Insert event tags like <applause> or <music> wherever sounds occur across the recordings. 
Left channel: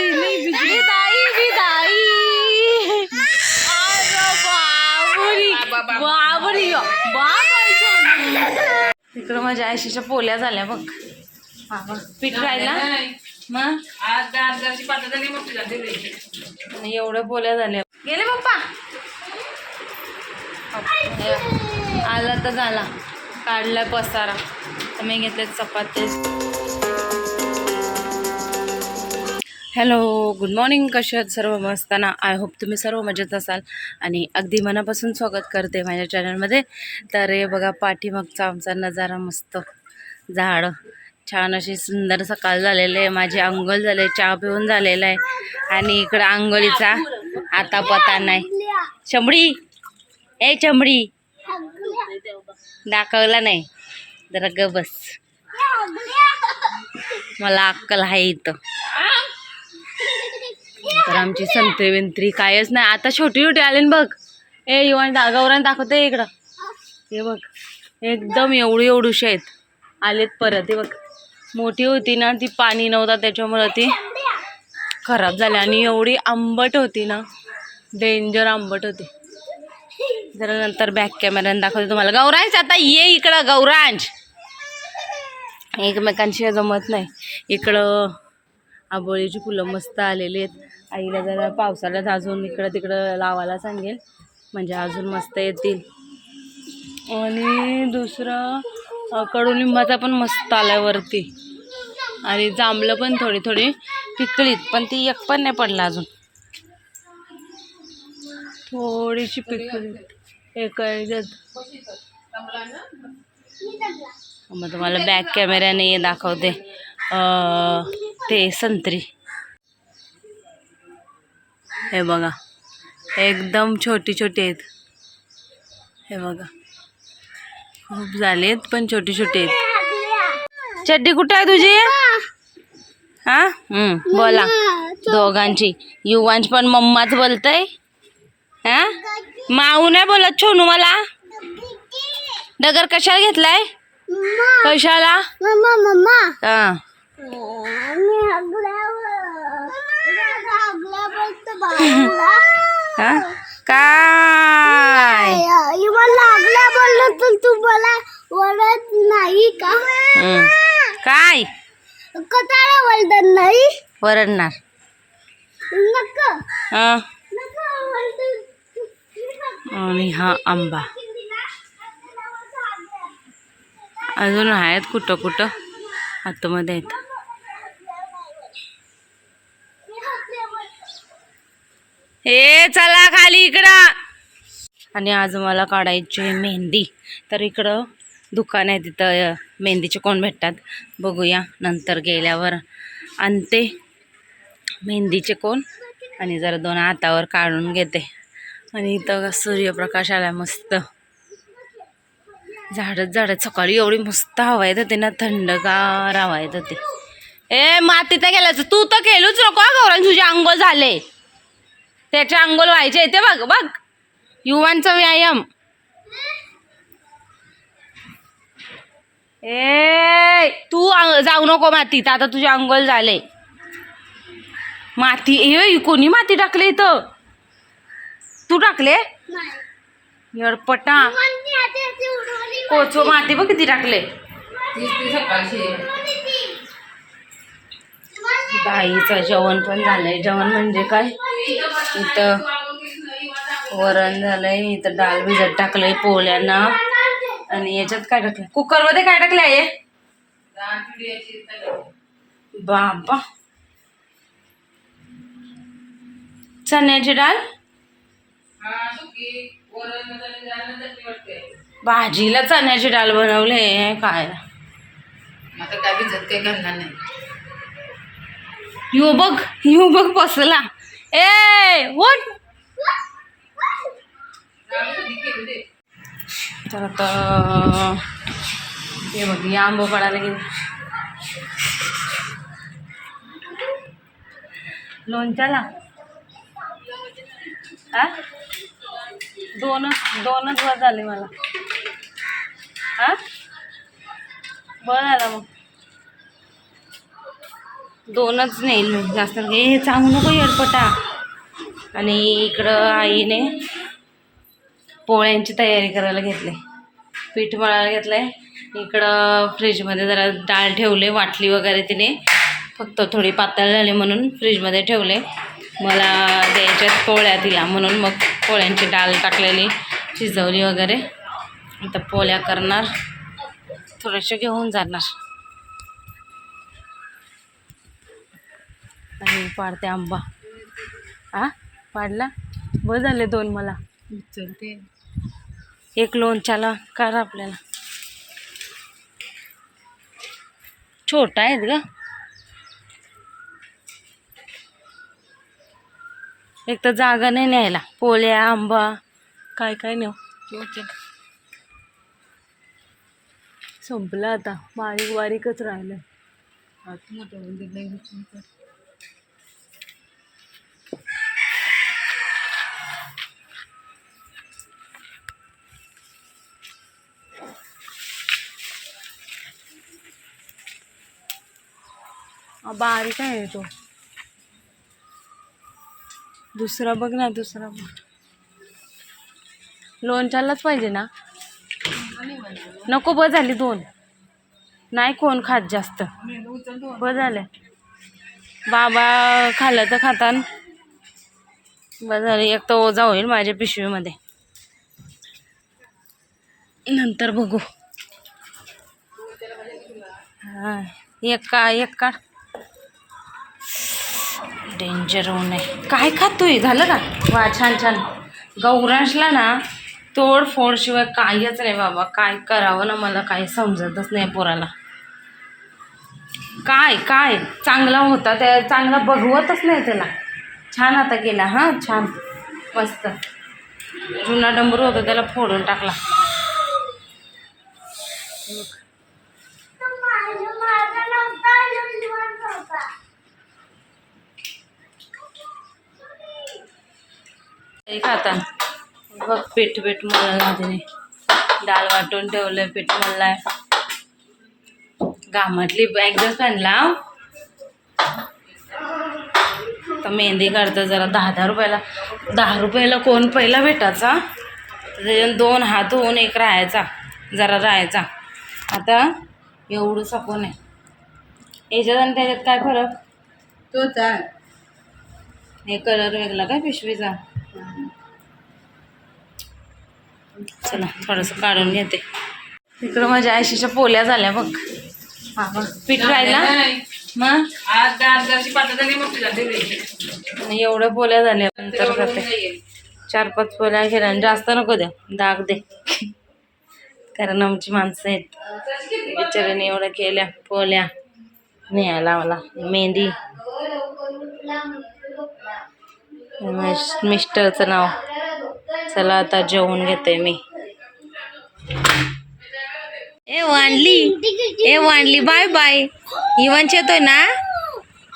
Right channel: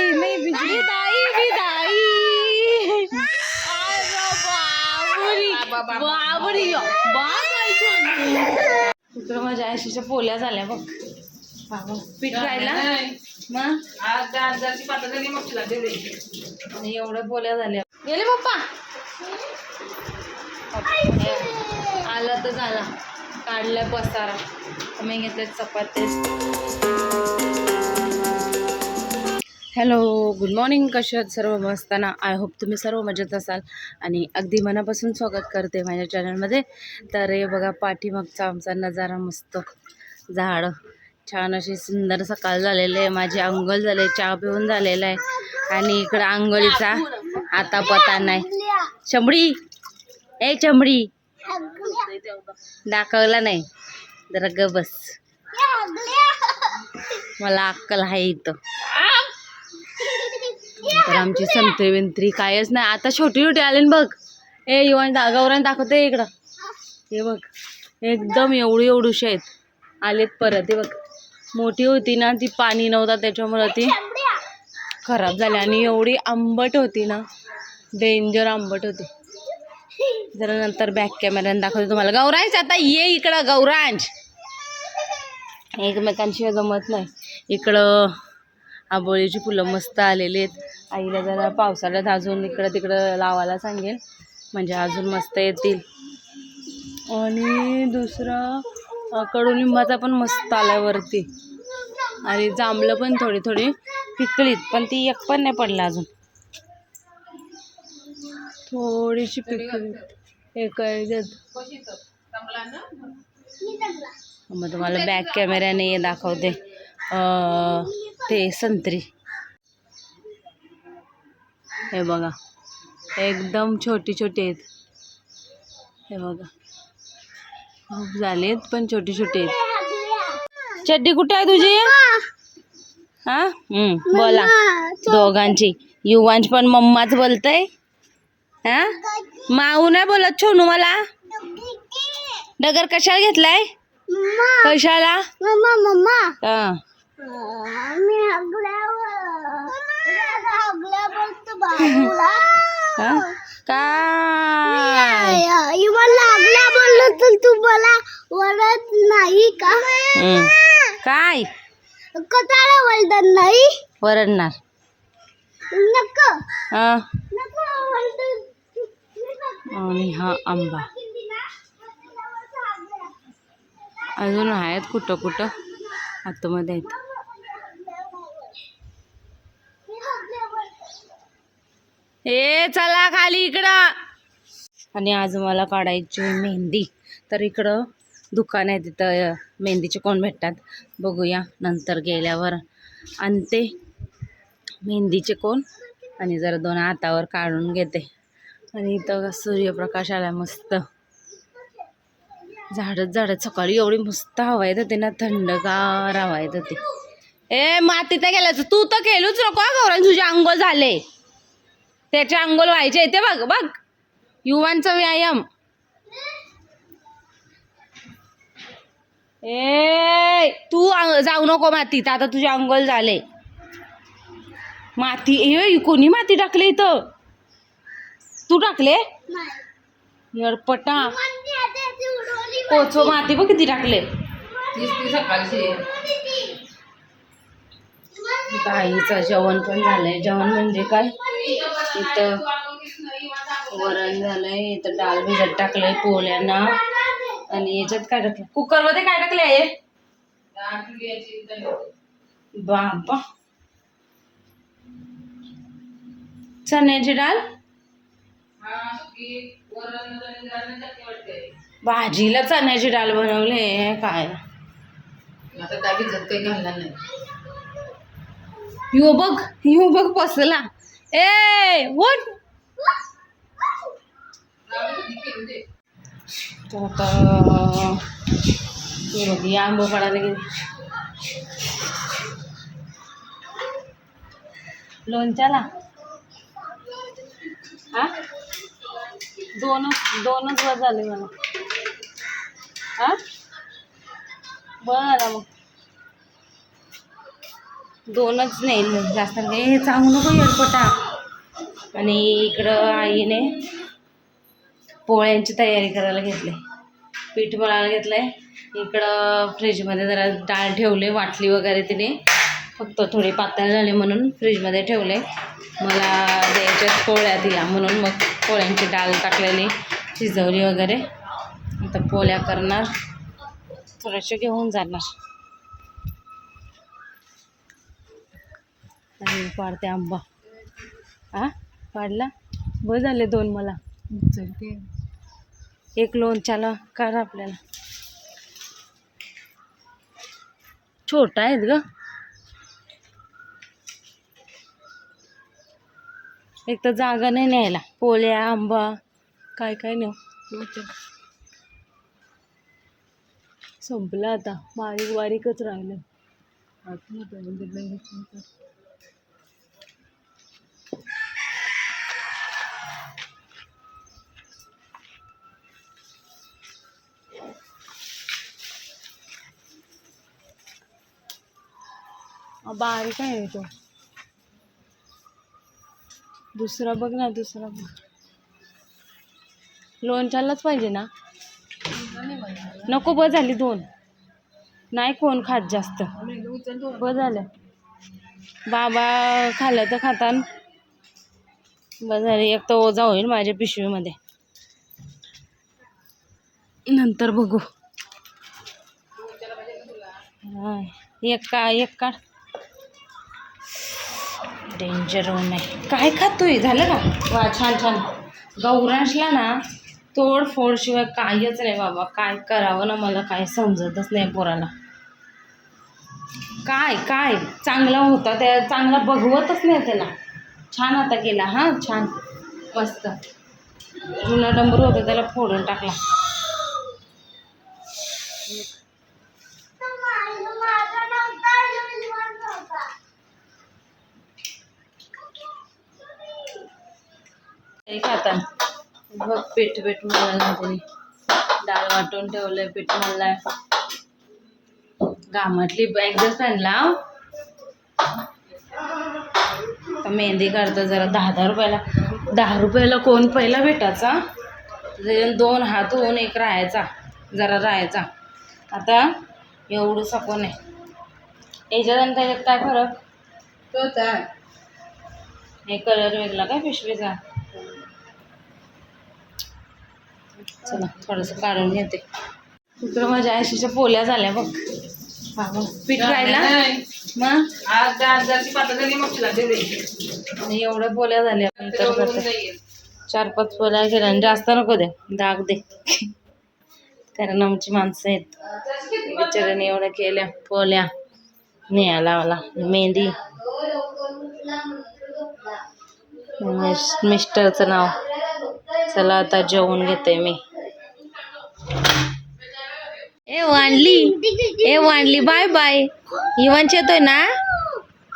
नाही बिजली. विदाई विदाई अरे बाबुरी बाबुरी बाप तिकडं माझ्या आयशीच्या पोल्या झाल्या बघ. पीठ राहिला? मग? एवढ्या पोल्या झाल्या. गेले पप्पा? आला तर झाला. काढला पसारा. तर मी घेतले चपाती हॅलो गुड मॉर्निंग. कसे आहात? सर्व मस्त ना? आय होप तुम्ही सर्व मजेत असाल. आणि अगदी मनापासून स्वागत करते माझ्या चॅनलमध्ये. तर हे बघा पाठीमागचा आमचा नजारा मस्त. झाडं. छान अशी सुंदर सकाळ झालेली आहे. माझी अंघोळ झाले चहा पिऊन झालेला आहे. आणि इकडं आंघोळीचा आता पता नाही. चमडी! ए चमडी! दाखवला नाही. जरा ग बस. मला अक्कल आहे इथं. तर आमची संत्री विंत्री कायच नाही. आता छोटी छोटी आले ना बघ. ए युवान दा गौरान दाखवते इकडं. हे बघ. एकदम एवढी एवढूशी आहेत. आलेत परत. हे बघ. मोठी होती ना ती पाणी नव्हता त्याच्यामुळं ती खराब झाली. आणि एवढी आंबट होती ना डेंजर आंबट होती. जरा नंतर बॅक कॅमेऱ्याने दाखवते तुम्हाला. गौरांश आता ये इकडं. गौरांश. एकमेकांशी जमत नाही. इकडं आबोळीची फुलं मस्त आलेली आहेत. आईला जरा पावसाळ्यात अजून इकडं तिकडं लावायला सांगेल म्हणजे अजून मस्त येतील. आणि दुसरं कडुलिंबाचा पण मस्त आल्यावरती वरती. आणि जांभळं पण थोडी थोडी पिकलीत पण ती एक पण नाही पडला अजून. थोडीशी पिकलीत. एक मग तुम्हाला बॅक कॅमेऱ्याने दाखवते. ते संत्री. हे बघा एकदम छोटी छोटी आहेत. हे बघा खूप झालेत पण छोटी छोटी आहेत. चड्डी कुठं आहे तुझी? हा? हम्म, बोला. दोघांची. युवांश पण मम्माच बोलतय. हा? माऊ नाही बोलत छोनू मला. डगर कशाला घेतलाय? कशाला? हा? काय लागल्या बोललो पण तू मला वरत नाही का काय? कटाळा वळत नाही वरडणार. नको आणि हा आंबा. अजून आहेत कुठं कुठं आतमध्ये आहेत. हे चला खाली इकडं. आणि आज मला काढायची मेहंदी. तर इकडं दुकान आहे तिथं मेहंदीचे कोण भेटतात? बघूया नंतर गेल्यावर आणते. मेहंदीचे कोण? आणि जरा दोन हातावर काढून घेते. आणि इथं सूर्यप्रकाश आला मस्त. झाडच झाडं सकाळी एवढी मस्त हवा येत होती ना थंडगार हवा येत होती. ए माती तर गेल्याचं तू तर केलूच नको हा तुझे अंग झाले. त्याचे अंघोळ व्हायचे ते बघ बघ. युवांचा व्यायाम. ए तू जाऊ नको मातीत आता तुझे अंघोळ झाले. माती ए कोणी माती टाकले इथं? तू टाकले? यडपटा. कोचो माती बघ किती टाकले. बाईचं जेवण पण झालंय. जेवण म्हणजे काय? इथं वरण झालंय इथं डाळ भिजत टाकलंय पोळ्यांना. आणि याच्यात काय टाकलं कुकरमध्ये काय टाकलंय बाबा. चण्याची डाळ? भाजीला चण्याची डाळ बनवले काय? आता काय भिजत काही घालणार नाही. यो बघ यो बघ बसला. ए उठ तर आता हे बघ या आंबो पडायला गेले. लोणच्याला? हा? दोनच दोनच वर झाले मला. हा? बरं झाला मग. दोनच नेल मी. जास्त हे सांगू नको येडपटा आणि इकडं आईने पोळ्यांची तयारी करायला घेतली. पीठ मळायला घेतलं आहे इकडं फ्रीजमध्ये जरा डाळ ठेवले वाटली वगैरे तिने. फक्त थोडी पातळ झाली म्हणून फ्रीजमध्ये ठेवले. मला द्यायच्यात पोळ्या तिला म्हणून मग पोळ्यांची डाळ टाकलेली शिजवली वगैरे. आता पोळ्या करणार. थोडेसे घेऊन जाणार. आणि पाडते आंबा. आ? पाडला? बरं झाले दोन मला. चलते. एक लोणच्याला करा आपल्याला. छोटा आहेत ग. एक तर जागा नाही न्यायला. पोळ्या आंबा काय काय नेऊ? संपलं आता. बारीक बारीकच राहिलं बारीक आहे तो. दुसरा बघ ना दुसरा बघ. लोणच्यालाच पाहिजे ना? नको ब झाली दोन. नाही कोण खात जास्त. ब झालं. बाबा खाल्लं तर खातान ब झाली एक तर ओझा होईल माझ्या पिशवीमध्ये. नंतर बघू. हा एक का एक काढ. डेंजर होऊ नये. काय खातोय? झालं का? वा छान छान. गौरांशला ना तोडफोडशिवाय काहीच नाही बाबा. काय करावं ना मला काय समजतच नाही पोराला. काय काय? चांगला होता त्या चांगला बघवतच नाही त्याला. छान आता गेला हां छान. मस्त. जुना डंबर होता त्याला फोडून टाकला माझा नव्हता युनिवर्स होता खातात बघ पीठ पीठ मळलं तिने. डाळ वाटून ठेवलंय पीठ मळलाय. घामातली एकदाच आणला तर मेहंदी काढतं जरा दहा दहा रुपयाला. दहा रुपयाला कोण पहिला भेटायचा? त्याच्यात दोन हात होऊन एक राहायचा जरा राहायचा. आता एवढं कोण आहे. याच्यात आणि त्याच्यात काय फरक? तोच आहे. हे कलर वेगळा काय पिशवीचा? चला थोडंसं काढून घेते. तिकडं माझ्या आयशीच्या पोल्या झाल्या बघ. पीठ राहिला? मग? आणि एवढ्या पोल्या झाल्या नंतर करते चार पाच पोल्या केल्या जास्त नको द्या दाग दे. कारण आमची माणसं आहेत. बिचाराने एवढ्या केल्या पोल्या. निया लावला मेहंदी. मिस्टरचं नाव. चला आता जेवून घेते मी. ए वांडली ए वांडली बाय बाय. इवांच येतोय ना?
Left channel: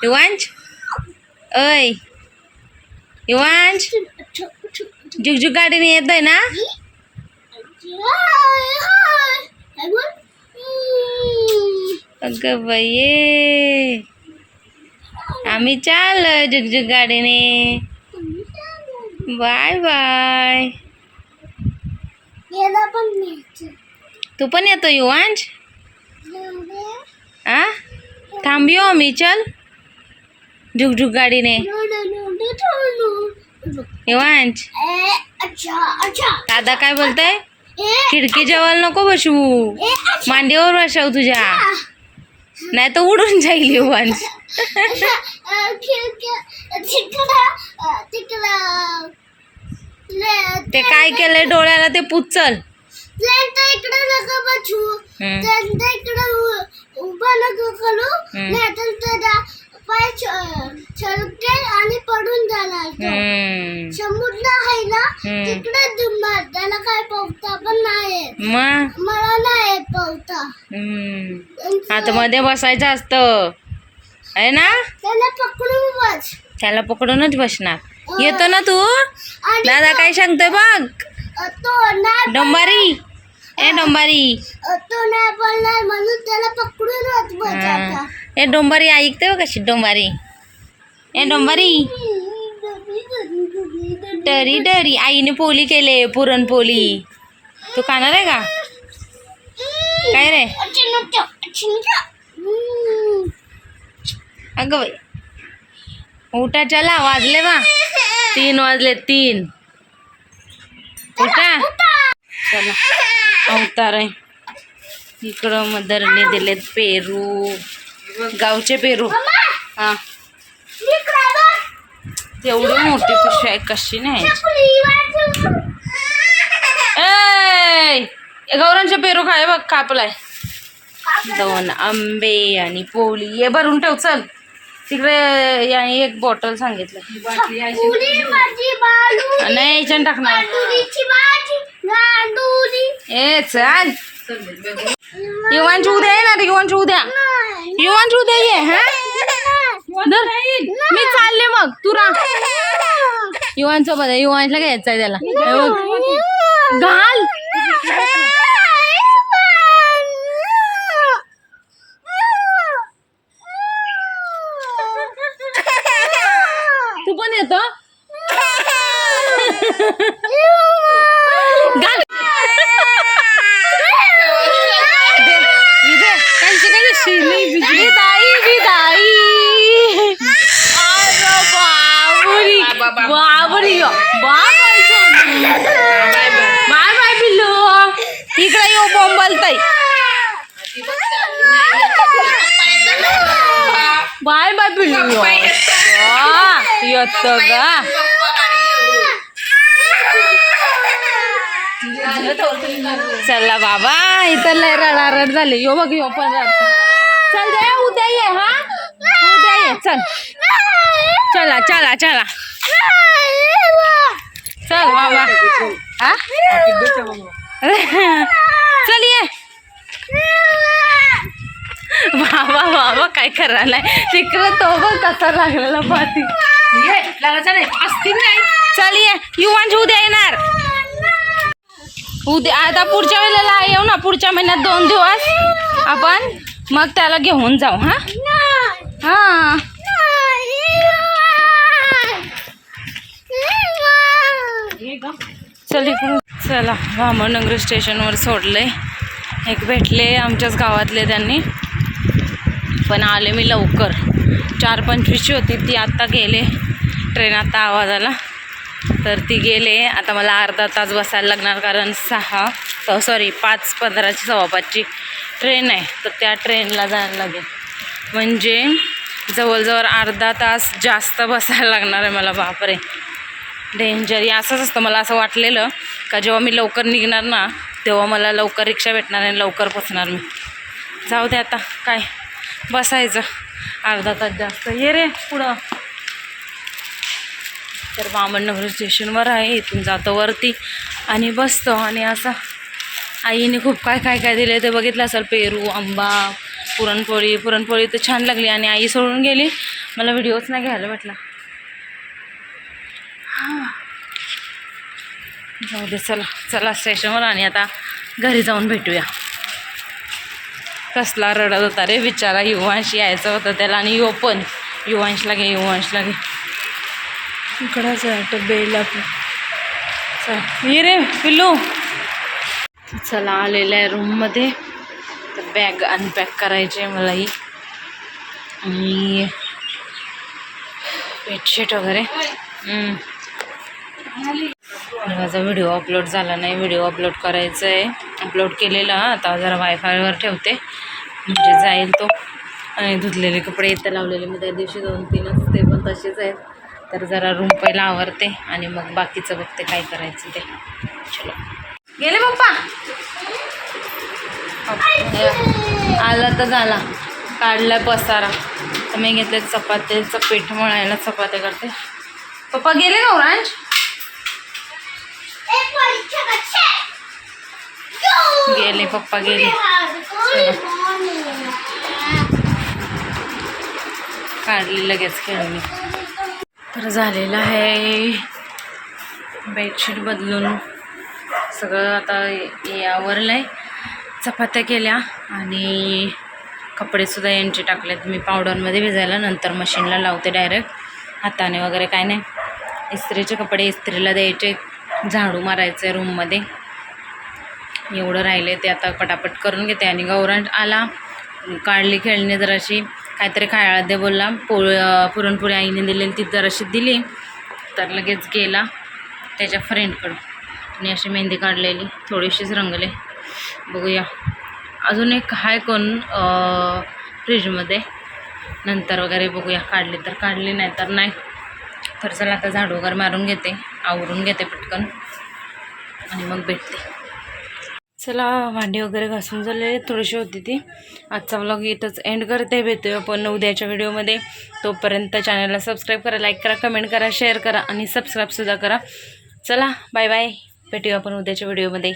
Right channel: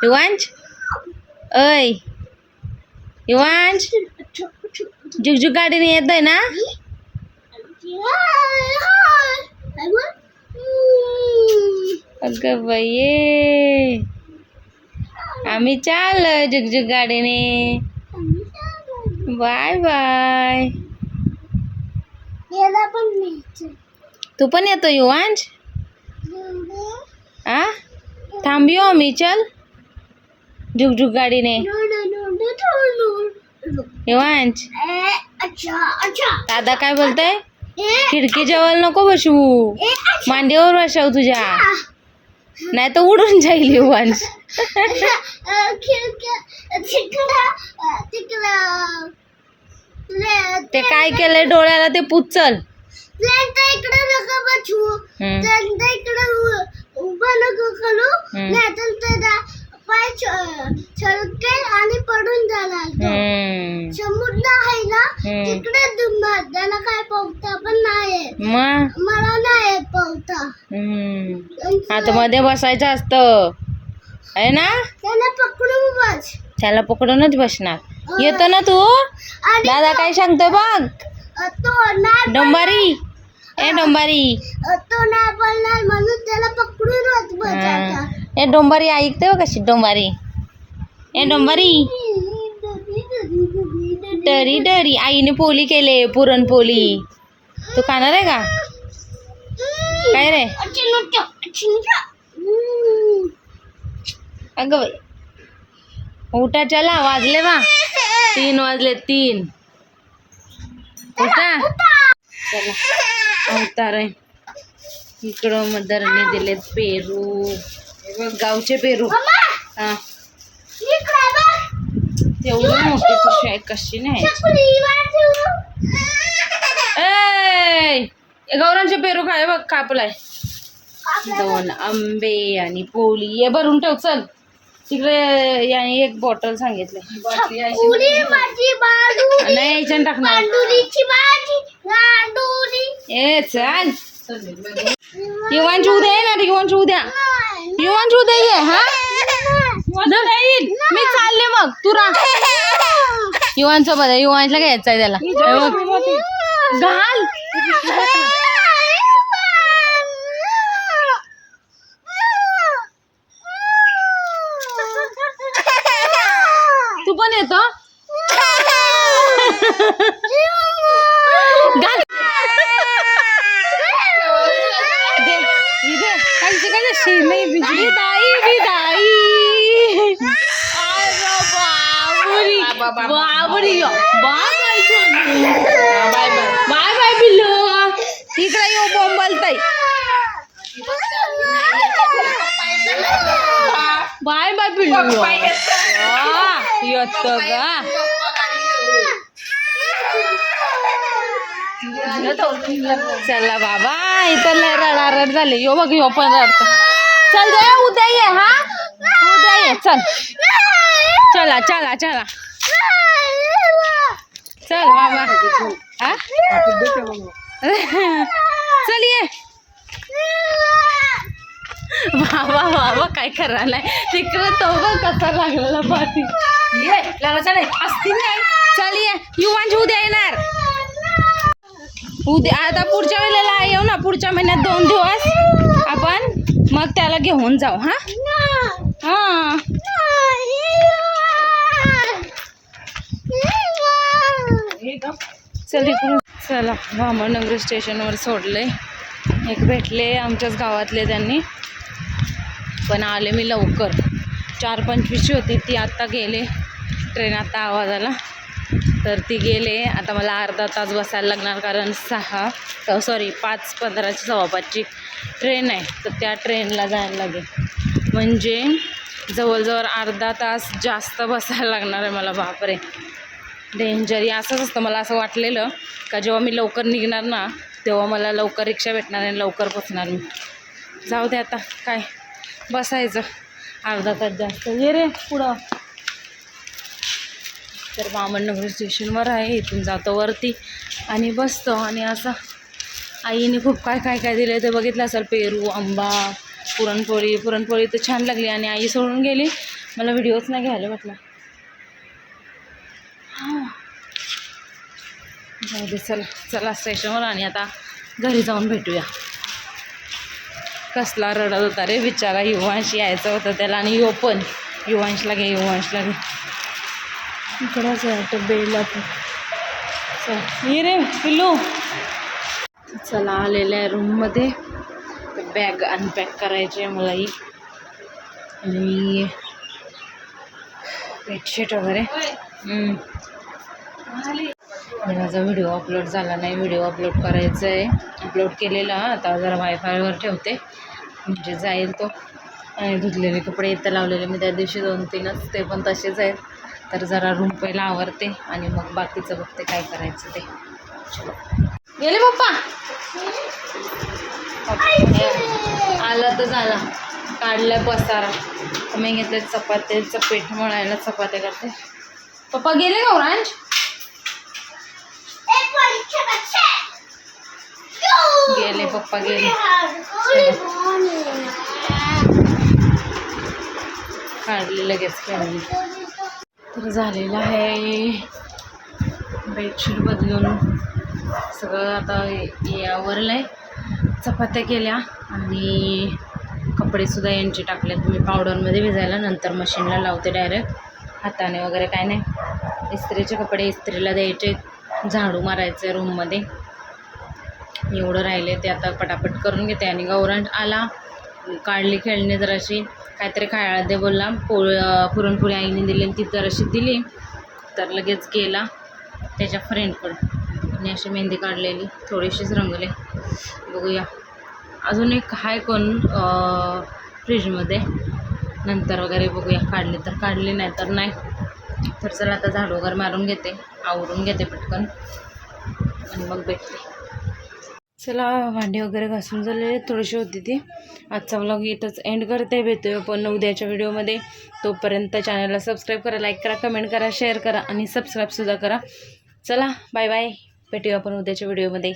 इवांच अय इवांच जुगजुग गाडीने येतोय ना? अगं बाई आम्ही चाल जुगजुग गाडीने. Bye bye. याला पण न्यायचं. तू पण येतो युवांश? आ? थांबियो आम्ही चल. जुगजुग गाडीने. युवांश. दादा काय बोलताय? खिडकी जवळ नको बसवू. मांडीवर बसव तुझ्या. नाही तर उडून जाईल युवांश ते काय केलंय डोळ्याला ते पुचल. इकडे नका इकडे उभं नको करू. हम्म. नाहीतर त्याला पाय छ- छलकेल आणि पडून जाणार तो. हम्म. समुद्र आहे ना हम्म. तिकडे दुमणार त्याला काय पोहता पण नाही येत. मग मला नाही येत पोहता आतमध्ये बसायचं असतं. आहे ना? त्याला पकडून बस. त्याला पकडूनच बसणार. येतो ना तू? दादा काय सांगतोय बघ? डोंबारी. ए डोंबारी. अ, तो नाही बोलणार म्हणून त्याला पकडूनच बसायचा ए डोंबारी ऐकते हो कशी डोंबारी. ए डोंबारी. डरी डरी. आईने पोली केले पुरणपोली. तू खाणार आहे का? काय रे? अगं बाई. उठा चला वाजले बा. तीन वाजले तीन. उठा. चला अवतार आहे. इकडं मदरने दिलेत पेरू. गावचे पेरू. हा. तेवढी मोठी पिशवी आहे कशी नाही. ए गौरांचे पेरू काय बघ कापलाय. दोन आंबे आणि पोळी ये भरून ठेव चल. तिकडे याने एक बॉटल सांगितलं. नाही याच्यानं टाकणार. ए चल. युवांची उद्या येणार युवांची उद्या. युवांची उद्या ये हा. मी चालले मग तू राह <laughs> युवांसोबत आहे युवांशला घ्यायचं आहे त्याला हे बघ. घाल. इथे. विदाई विदाई। अरे बाबरी। बाबरी बाय बाय बाय बाय पिल्लू इकडे येऊ बोंबलताई बाय बाय पिल्लू येत का चला बाबा इथं लय रडारड झाली. यो बघ यो पण रडतो. चल दे उद्या ये हा? उद्या ये चल. चला चला चला. चल बाबा. हा? चल ये. बाबा बाबा काय करा नाही. तिकडं तो बघ कसा लागलेला नाही. चल ये. युवांची उद्या येणार. उद्या आता पुढच्या वेळेला येऊ ना पुढच्या महिन्यात दोन दिवस. आपण मग त्याला घेऊन जाऊ हा? हा. चल इकडून चला भामनगर स्टेशनवर सोडले एक भेटले आमच्याच गावातले त्यांनी. पण आले मी लवकर. चार पंचवीसची होती ती आत्ता गेले. ट्रेन आत्ता आवाज आला तर ती गेले. आता मला अर्धा तास बसायला लागणार कारण सहा सॉरी पाच पंधराची सव्वापाचची ट्रेन आहे. तर त्या ट्रेनला जायला लागेल. म्हणजे जवळजवळ अर्धा तास जास्त बसायला लागणार आहे मला. बापरे. डेंजर असंच असतं. मला असं वाटलेलं का जेव्हा मी लवकर निघणार ना तेव्हा मला लवकर रिक्षा भेटणार आणि लवकर पोचणार मी. जाऊ दे आता. काय? बसायचं. अर्धा तास जास्त. ये रे पुढं. तर बामणनगर स्टेशनवर आहे इथून जातो वरती. आणि बसतो आणि असं आईने खूप काय काय काय दिलं ते बघितलं असेल. पेरू आंबा पुरणपोळी पुरणपोळी तर छान लागली आणि आई सोडून गेली. मला व्हिडिओच नाही घ्यायला भेटला. हां. जाऊ दे चला चला स्टेशनवर आणि आता घरी जाऊन भेटूया. कसला रडत होता रे बिचारा. युवांश यायचं होतं त्याला आणि यो पण. युवांशला घे युवांशला घे. इकडंच आहे तर बेला चल ये रे पिल्लू. चला आलेलं आहे रूममध्ये तर बॅग अनपॅक करायची आहे मलाही आणि बेडशीट वगैरे. आणि माझा व्हिडिओ अपलोड झाला नाही व्हिडिओ अपलोड करायचा आहे. अपलोड केलेला आता जरा वायफायवर ठेवते. म्हणजे जाईल तो. आणि धुतलेले कपडे इथं लावलेले मी त्या दिवशी दोन तीनच ते पण तसेच आहेत. तर जरा रूम पहिला आवरते आणि मग बाकीचं बघते काय करायचं ते. चलो. गेले पप्पा? आला तर झाला. काढला पसारा. तर मी घेतले चपात्याचं पीठ मळायला चपात्या करते. पप्पा गेले का ओरांज गेले पप्पा गेले. काढली लगेच खेळली तर झालेलं आहे. बेडशीट बदलून सगळं आता यावरलं आहे चपात्या केल्या आणि कपडेसुद्धा यांचे टाकलेत. मी पावडरमध्ये भिजायला नंतर मशीनला लावते डायरेक्ट. हाताने वगैरे काय नाही. इस्त्रीचे कपडे इस्त्रीला द्यायचे. झाडू मारायचे रूममध्ये. एवढं राहिले ते आता पटापट करून घेते आणि गौरांट आला. काढली खेळणी जराशी. काहीतरी खायला दे बोलला. पोळ पुरणपोळी आईने दिलेली ती जराशी दिली. तर लगेच गेला त्याच्या फ्रेंडकडं आणि अशी मेहंदी काढलेली. थोडीशीच रंगले. बघूया. अजून एक हाय कोण फ्रीजमध्ये नंतर वगैरे बघूया. काढली तर काढली नाही तर नाही. तर चला आता झाडू वगैरे मारून घेते. आवरून घेते पटकन. आणि मग भेटते. चला भांडी वगैरे घासून झाले थोडीशी होती ती. आजचा व्लॉग इथंच एंड करते भेटूया पण उद्याच्या व्हिडिओमध्ये तोपर्यंत चॅनलला सबस्क्राईब करा लाईक करा कमेंट करा शेअर करा आणि सबस्क्राईबसुद्धा करा. चला बाय बाय भेटूया आपण उद्याच्या व्हिडिओमध्ये